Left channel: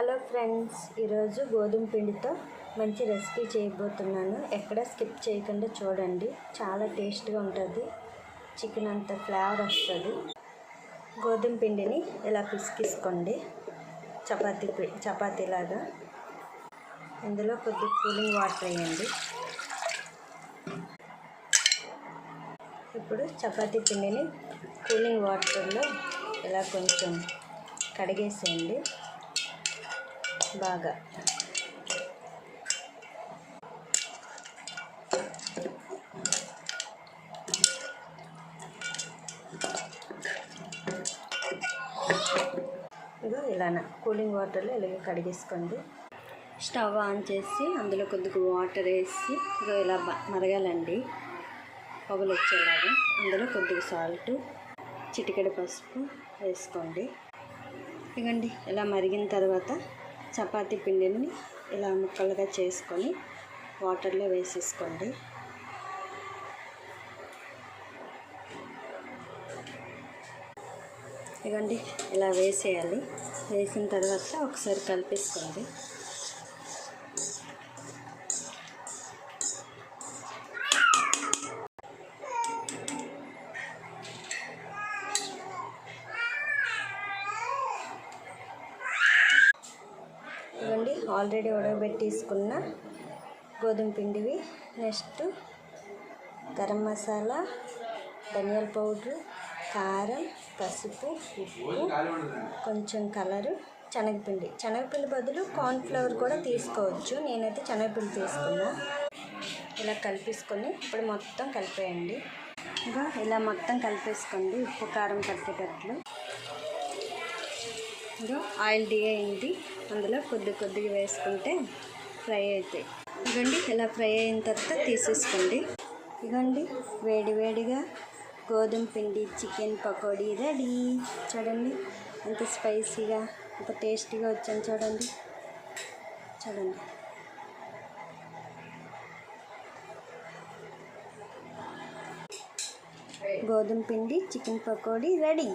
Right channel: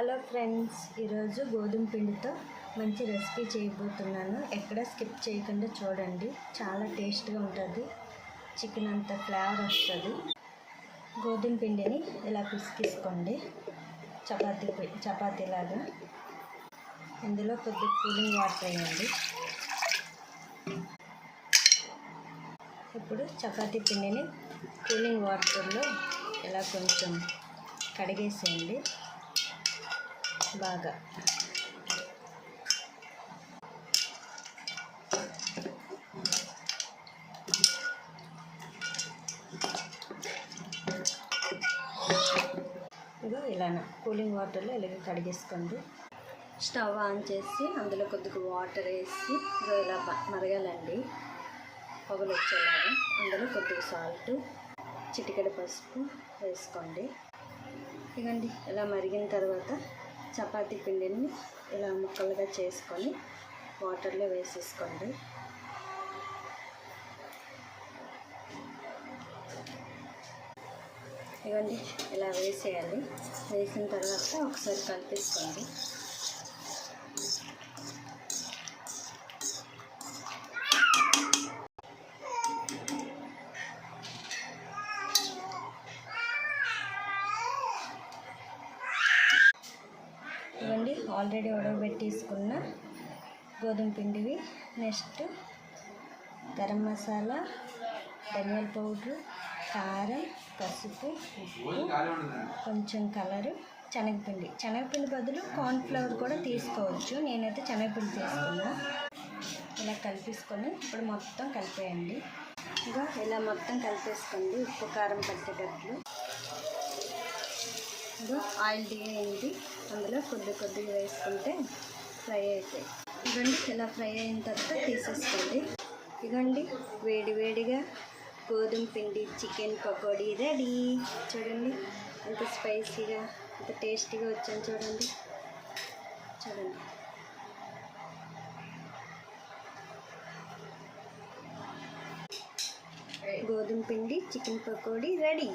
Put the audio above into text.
Hello friends, ఈరోజు గోధుమ పిండితో మంచి రెసిపీ చేయబోతున్నాను. ఎక్కడ స్కిప్ చేయకుండా చూడండి. చాలా టేస్ట్గా ఉంటుంది. చికెన్ అంత ఫ్లేవర్ వస్తుంది. గోధుమ పిండిని ఇలా పిసికిసుకోండి, చపాతీలాగా. ఇందులో కొద్దిగా కూలింగ్ వాటర్ వేయండి. ఇప్పుడు చపాతీ పిండిని కూలింగ్ వాటర్లో ఇలా కొంచెం కడిగేసేయండి బాగా. ఇదో ఇలా కూలింగ్ వాటర్లో ఇలాగ కడిగేసుకోండి. స్టవ్ ఆన్ చేసి అందులో కొద్దిగా వాటర్ వేసి ఇదో ఇలా మరగాలండి, పొగలు వచ్చేలాగా. అందులో కొద్దిగా సాల్ట్, చిటికెడు పసుపు వేసుకోండి. ఇదిగండి ఇలా మరిగిన తర్వాత చపాతీ పిండిని ఇలా ముక్కలుగా చేసుకొని వాటర్లో వేసేసుకోండి. ఇదిగండి ఇలా వేసేయాలి. వేసిన తర్వాత ఒకసారి కలిపేసుకోండి. ఇవ్వండి ఆల్రెడీ ఉడకబెట్టేసుకున్న గోధుమ పిండివి. నెక్స్ట్ గరం మసాలా, ధనియాల పౌడరు, కారం, పసుపు, ఉప్పు, కొంచెం కలరు, శనగపిండి బదులు కార్న్ఫ్లవర్ కూడా తీసుకోవచ్చు. నేనైతే శనగపిండి తీసుకున్నా. ఇలా కలిపేసుకొని ఇప్పుడు మొత్తం కలిపేయండి. ఇంకా ఇలా మొత్తం కలిపేసుకోండి, ఉప్పు కారం పట్టేటట్లు. ఇది ఆయిల్ డీ అయింది, అందులో కొద్దిగా వేసుకుంటే ఫ్రై అవుతాయి. ఇదండి ఇలా ఫ్రై అయిన తర్వాత తీసేసుకోండి. ఇదండి వేడిగా గోధుమ పిండి చికెన్ పకోడీ రెడీ. చూడండి ఎంత స్పైసీగా, ఎంత టేస్టీగా వచ్చాను చూడండి. గోధుమ పిండి చికెన్ పకోడీ రెడీ.